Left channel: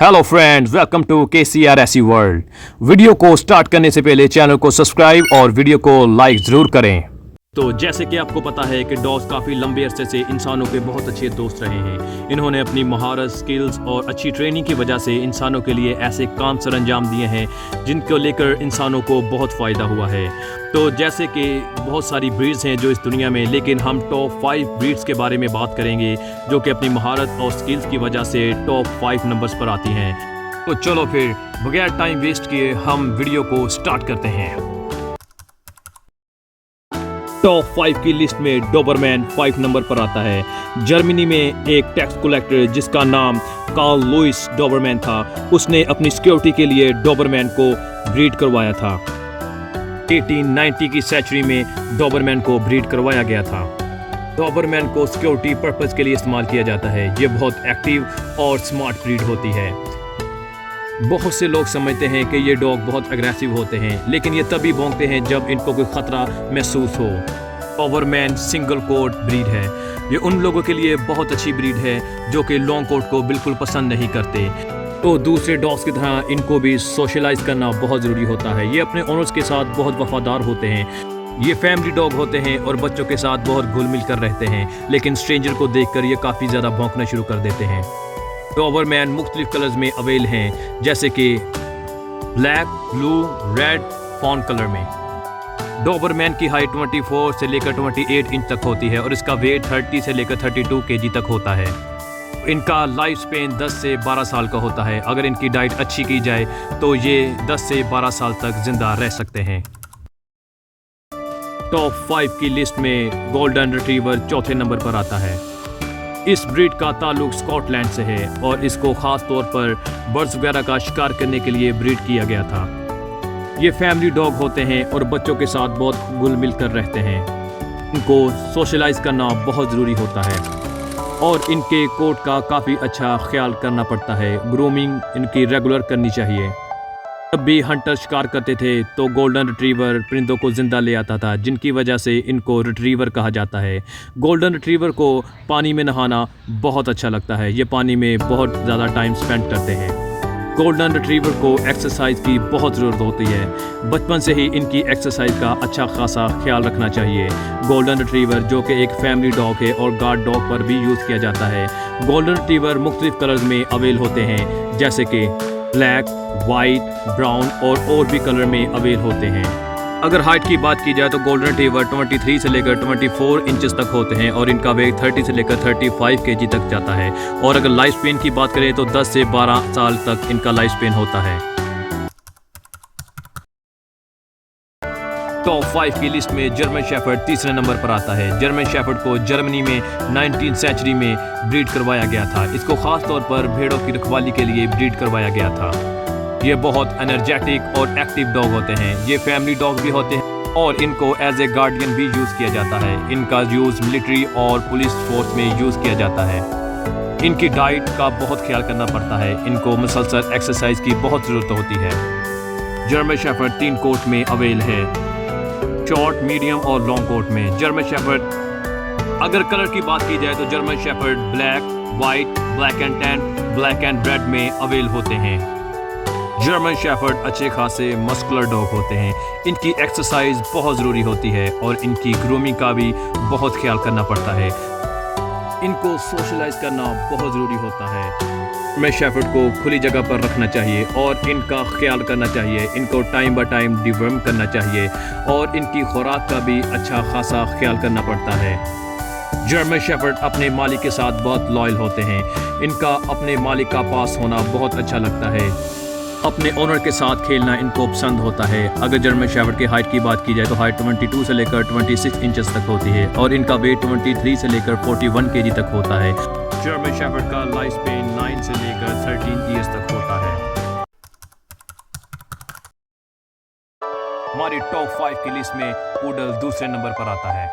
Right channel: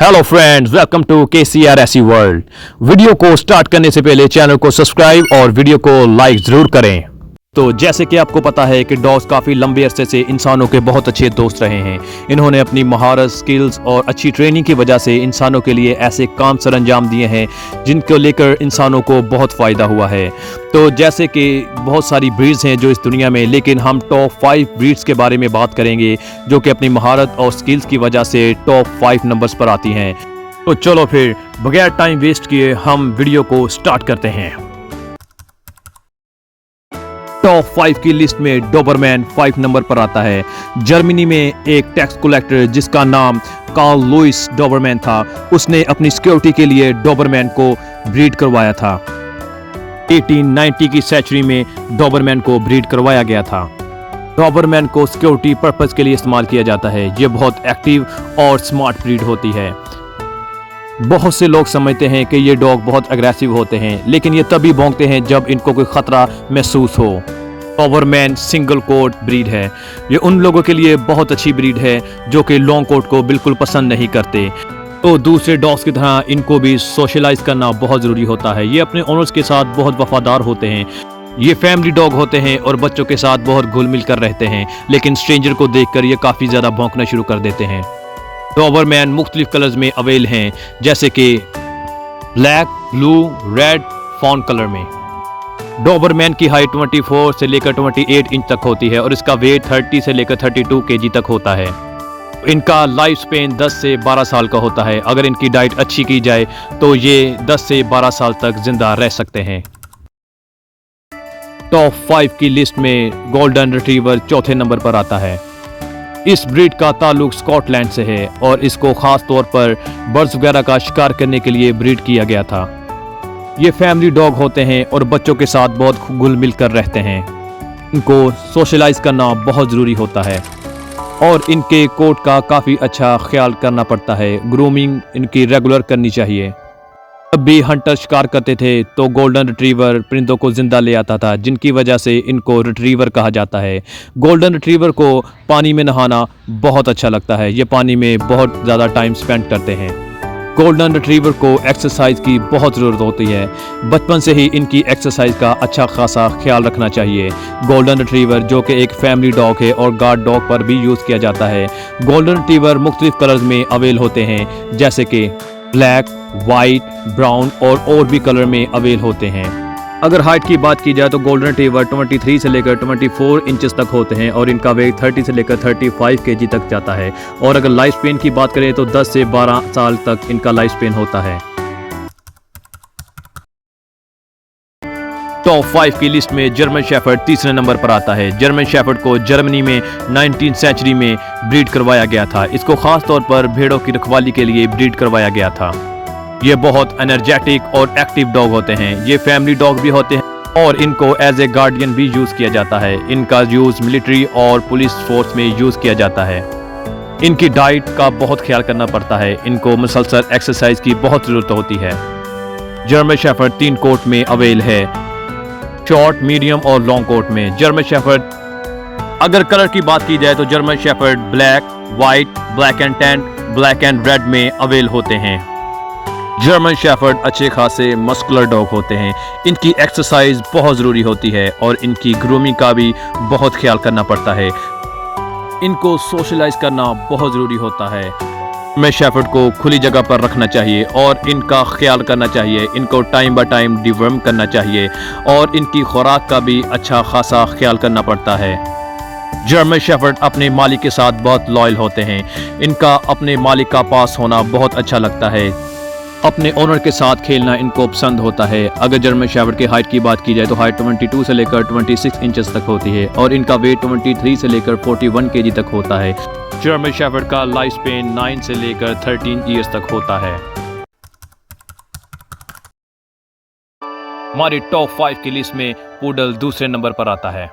Hello friends, welcome to KCRSE world. Video को start करने से पहले चैनल को सब्सक्राइब और वीडियो को लाइक जरूर करें। तो जैसे कि आपको पता है कि डॉग्स काफ़ी लंबे अरसे से इंसानों के बहुत अच्छे दोस्त रहे हैं। इन्होंने अपनी महारत, स्किल्स और अच्छी ट्रेनिंग की वजह से इंसानों के लिए ऐसे काम सर अंजाम दिए हैं जिनको लेकर इंसानों को बहुत फ़ायदा हुआ है। तो जैसे कि बहुत सारी ब्रीड्स हैं जो इस दुनिया में, लेकिन हम टॉप 5 ब्रीड्स के बारे में बात करेंगे जो कि अपनी महारत और स्किल्स की वजह से टॉप 5 नंबर्स पर आती हैं। तो चलो फिर बगैर टाइम वेस्ट किए हम वीडियो को स्टार्ट करते हैं। टॉप 5 की लिस्ट में डोबरमैन 5 नंबर पर आता है। जर्मनी में एक टैक्स कलेक्टर जिसका नाम कार्ल लुइस डोबरमैन था, उसने अपनी सिक्योरिटी के लिए डोबरमैन को ब्रीड करवाया था। 1890 की सेंचुरी में डोबरमैन को ब्रीड करवाया गया था। डोबरमैन को सिक्योरिटी पर्पस के लिए इस्तेमाल किया जाता है। ये बहुत एक्टिव और स्मार्ट ब्रीड होती है। बहुत से लोग समझते हैं कि ये डॉग बहुत अग्रेसिव होते हैं, लेकिन ये तभी भौंकते हैं जब इनको कोई खतरा महसूस हो। डोबरमैन सिंगल कोट ब्रीड है। ये उन लोगों के लिए बहुत अच्छी ब्रीड है जो कि लॉन्ग कोट को बिल्कुल पसंद नहीं करते। तो दूसरे डॉग्स की तरह इनको भी सोशलाइज करना बहुत ज़रूरी होता है। ये अपने ओनर्स के साथ बहुत वफादार होते हैं। ये फैमिली डॉग होते हैं और बच्चों के साथ बहुत घुल मिल कर रहते हैं, लेकिन स्ट्रेंजर को देखकर ये काफ़ी ज़्यादा भौंकना शुरू कर देते हैं। डोबरमैन मुख्तलिफ कलर्स में अवेल हैं, जैसे कि black, blue, red, fawn colour में। डोबरमैन की हाइट 24 से लेकर 28 इंच तक होती है और इसका वेट 30 से लेकर 32 kg तक होता है। इनका लाइफ स्पेन 10 से 12 साल का होता है। अगर इनकी डाइट अच्छी की जाए तो ये 10 से 12 साल तक जिंदा रह सकते हैं। टॉप 5 की लिस्ट में गोल्डन रिट्रीवर चौथे नंबर पर आता है। इस ब्रीड का ताल्लुक स्कॉटलैंड से है और इसको ख़ास तौर पर बर्ड्स वगैरह का शिकार करने के लिए ब्रीड किया गया था। ये फैमिली डॉग होते हैं और बच्चों के साथ बहुत घुल मिल कर रहते हैं। इनको सोशलाइज करना बहुत ज़रूरी होता है और इनके कोट का काफ़ी अच्छा ख्याल करना पड़ता है। ग्रूमिंग इनकी रेगुलर करनी चाहिए। जब भी हंटर शिकार करते थे तो गोल्डन रिट्रीवर परिंदों को जिंदा ले आता था, जिनकी वजह से इनको रिट्रीवर कहा जाता है। गोल्डन रिट्रीवर को पानी में नहाना बहुत अच्छा लगता है। ये पानी में बहुत ज़्यादा टाइम स्पेंड करते हैं। गोल्डन रिट्रीवर को एक्सरसाइज की बहुत ज़रूरत होती है। बचपन से ही इनकी एक्सरसाइज का अच्छा खासा ख्याल रखना चाहिए। गोल्डन रिट्रीवर जो कि एक फैमिली डॉग है और गार्ड डॉग पर भी यूज़ किया जाता है। गोल्डन रिट्रीवर मुख्तलिफ कलर्स में अवेल होते हैं, जैसे कि ब्लैक, वाइट, ब्राउन और भी कलर में अवेल होते हैं। अगर हाइट की बात की जाए तो गोल्डन रिट्रीवर 23 से लेकर 24 इंचेस तक होते हैं और इनका वेट 30 से लेकर 35 kg तक जाता है। और अगर लाइफ स्पेन की बात करें तो 10 से 12 साल तक इनका लाइफ स्पेन होता है। टॉप 5 की लिस्ट में जर्मन शेफर्ड तीसरे नंबर पर आता है। जर्मन शेफर्ड को जर्मनी में 19वीं सेंचुरी में ब्रीड करवाया गया था। इसको खास तौर पर भेड़ों की रखवाली के लिए ब्रीड करवाया गया था। ये बहुत एनर्जेटिक और एक्टिव डॉग होते हैं। ये फैमिली डॉग भी होते हैं और इनको एज ए गार्डियन भी यूज़ किया जाता है। इनका यूज़ मिलिट्री और पुलिस फोर्स में यूज़ किया जाता है। इनकी डाइट का बहुत ख्याल करना पड़ता है। इनको मुसलसल एक्सरसाइज की बहुत ज़रूरत होती है। जर्मन शेफर्ड 3 कोट में अवेल है, शॉर्ट, मीडियम और लॉन्ग कोट में। जर्मन शेफर्ड अगर कलर की बात की जाए तो German shepherd black, white, black and tan, black and red में अवेल होते हैं। जर्मन शेफर्ड अच्छे खासे मस्कुलर डॉग होते हैं। इनकी एक्सरसाइज बहुत ज़रूरी होती है और इनकी ग्रूमिंग का भी बहुत ख्याल करना पड़ता है। इनको सोशलाइज करना बहुत ज़रूरी होता है। में शेफर्ड को खुली जगह पर रखना चाहिए और इनका ख्याल करना चाहिए। इनको टाइम बाय टाइम डिवर्म करना चाहिए और इनकी खुराक का भी अच्छा खासा ख्याल करना पड़ता है। जर्मन शेफर्ड अपने मालिक के साथ बहुत लॉयल होते हैं। इनका अपने मालिक का पास होना बहुत अच्छा लगता है। अपने ओनर के साथ खेलना इनको पसंद होता है। अगर जर्मन शेफर्ड की हाइट की बात की जाए तो हाइट 22 से लेकर 26 इंचेस तक होती है और इनका वेट 23 से लेकर 41 kg तक होता है। जर्मन शेफर्ड का लाइफ स्पेन 9 से लेकर 13 ईयर्स तक होता है। हमारी टॉप 5 की लिस्ट में पूडल दूसरे नंबर पर आता है।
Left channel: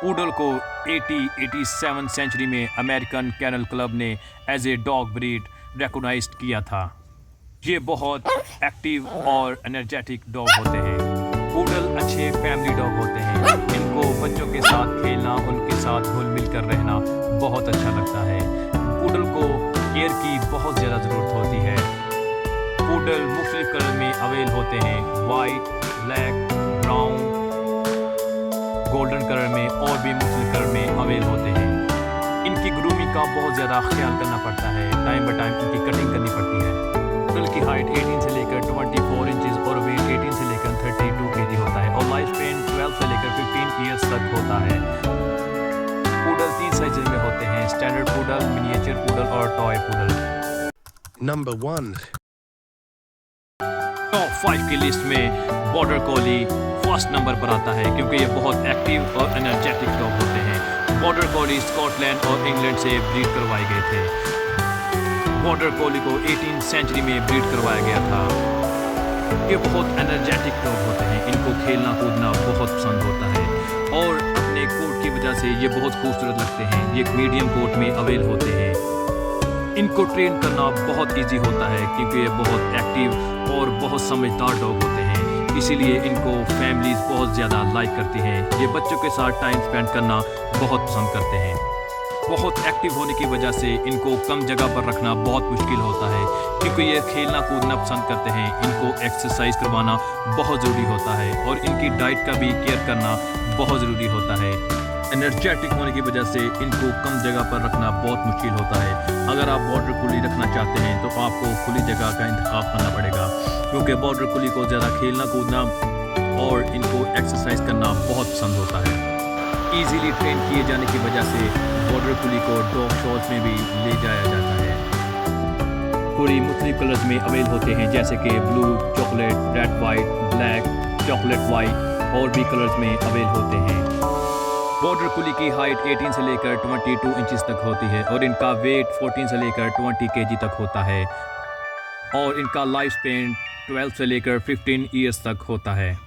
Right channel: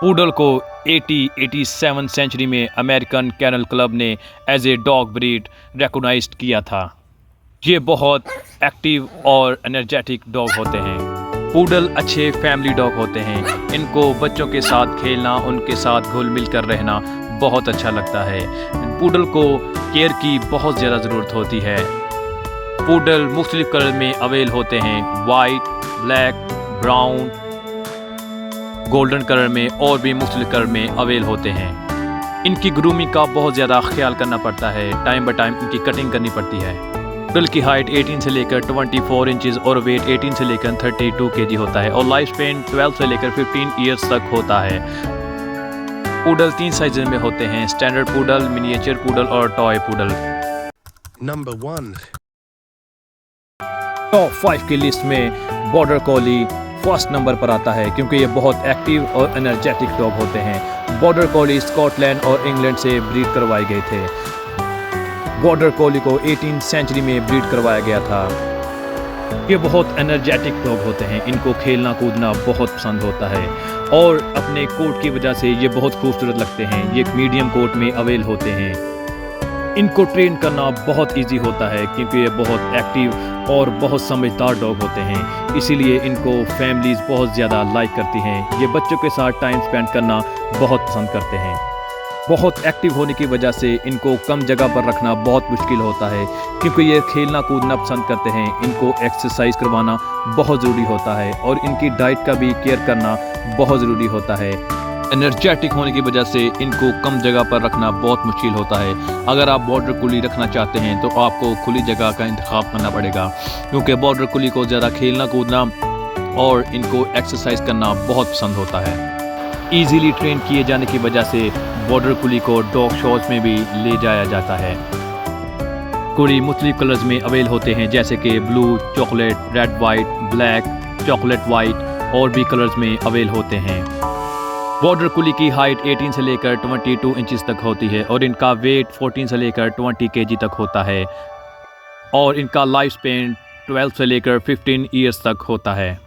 पूडल को 87 सेंचुरी में अमेरिकन कैनल क्लब ने as a dog breed recognised किया था। ये बहुत एक्टिव और एनर्जेटिक डॉग होते हैं। पूडल अच्छे फैमिली डॉग होते हैं। इनको बच्चों के साथ खेलना, उनके साथ घुल मिल कर रहना बहुत अच्छा लगता है। पूडल को केयर की बहुत ज़्यादा ज़रूरत होती है। पूडल मुख्तलिफ कलर में अवेल होते हैं, white, black, brown, golden colour में और भी मुख्तलिफ कलर में अवेल होते हैं। इनकी ग्रूमिंग का बहुत ज़्यादा ख्याल करना पड़ता है, टाइम बाय टाइम इनकी कटिंग करनी पड़ती है। पूडल की हाइट 18 से लेकर 24 इंचेस और वेट 18 से लेकर 32 kg होता है और लाइफ स्पेन 12 से लेकर 15 ईयर्स तक होता है। पूडल 3 साइज में होते हैं, स्टैंडर्ड पूडल, मिनिएचर पूडल और टॉय पूडल। Number 1. टॉप 5 की लिस्ट में बॉर्डर कॉली फर्स्ट नंबर पर आता है क्योंकि ये बहुत एक्टिव और एनर्जेटिक डॉग होते हैं। बॉर्डर कॉली स्कॉटलैंड और इंग्लैंड से ब्रीड करवाए गए थे। बॉर्डर कॉली को 18th सेंचुरी में ब्रीड करवाया गया था। ये बहुत एनर्जेटिक डॉग होते हैं, इनको खेलना कूदना बहुत पसंद होता है और अपने कोट की वजह से ये बहुत खूबसूरत लगते हैं। ये एक मीडियम कोट में अवेल होते हैं। इनको ट्रेन करना बहुत इजी होता है क्योंकि ये बहुत एक्टिव और बहुत समझदार डॉग होते हैं, इसीलिए इनको फैमिलीज बहुत ज़्यादा लाइक करती हैं। ये बच्चों के साथ टाइम स्पेंड करना बहुत पसंद करते हैं। बहुत एक्टिव होने की वजह से इनको कम जगह पर रखना बहुत मुश्किल होता है क्योंकि ये खेलना कूदना पसंद करते हैं। इनको एक्सरसाइज करवाना बहुत ज़रूरी होता है और इनकी डाइट का भी केयर करना बहुत ज़रूरी होता है। एनर्जेटिक होने की वजह से इनको कम जगह पर रखना बहुत मुश्किल होता है। अगर आप बॉर्डर कुली रखना चाहते हैं तो आपको खुली जगह का इंतखाब करना पड़ेगा क्योंकि बॉर्डर कुली को ज़्यादा खेलना कूदना और इनको एक्सरसाइज करना बहुत पसंद होता है। ईजीली ट्रेन किए जाने की वजह से बॉर्डर कुली को डॉग शोज में भी ले जाया जाता है। कुली मुख्तलिफ कलर्स में अवेल होते हैं जैसे कि blue, chocolate, red white, black, chocolate white और भी कलर्स में अवेल होते हैं। बॉर्डर कुली की हाइट 18 से लेकर 22 इंचेस तक होती है और इनका वेट 14 से लेकर 20 kg तक होता है और इनका लाइफ स्पेन 12 से लेकर 15 ईयर्स तक होता है।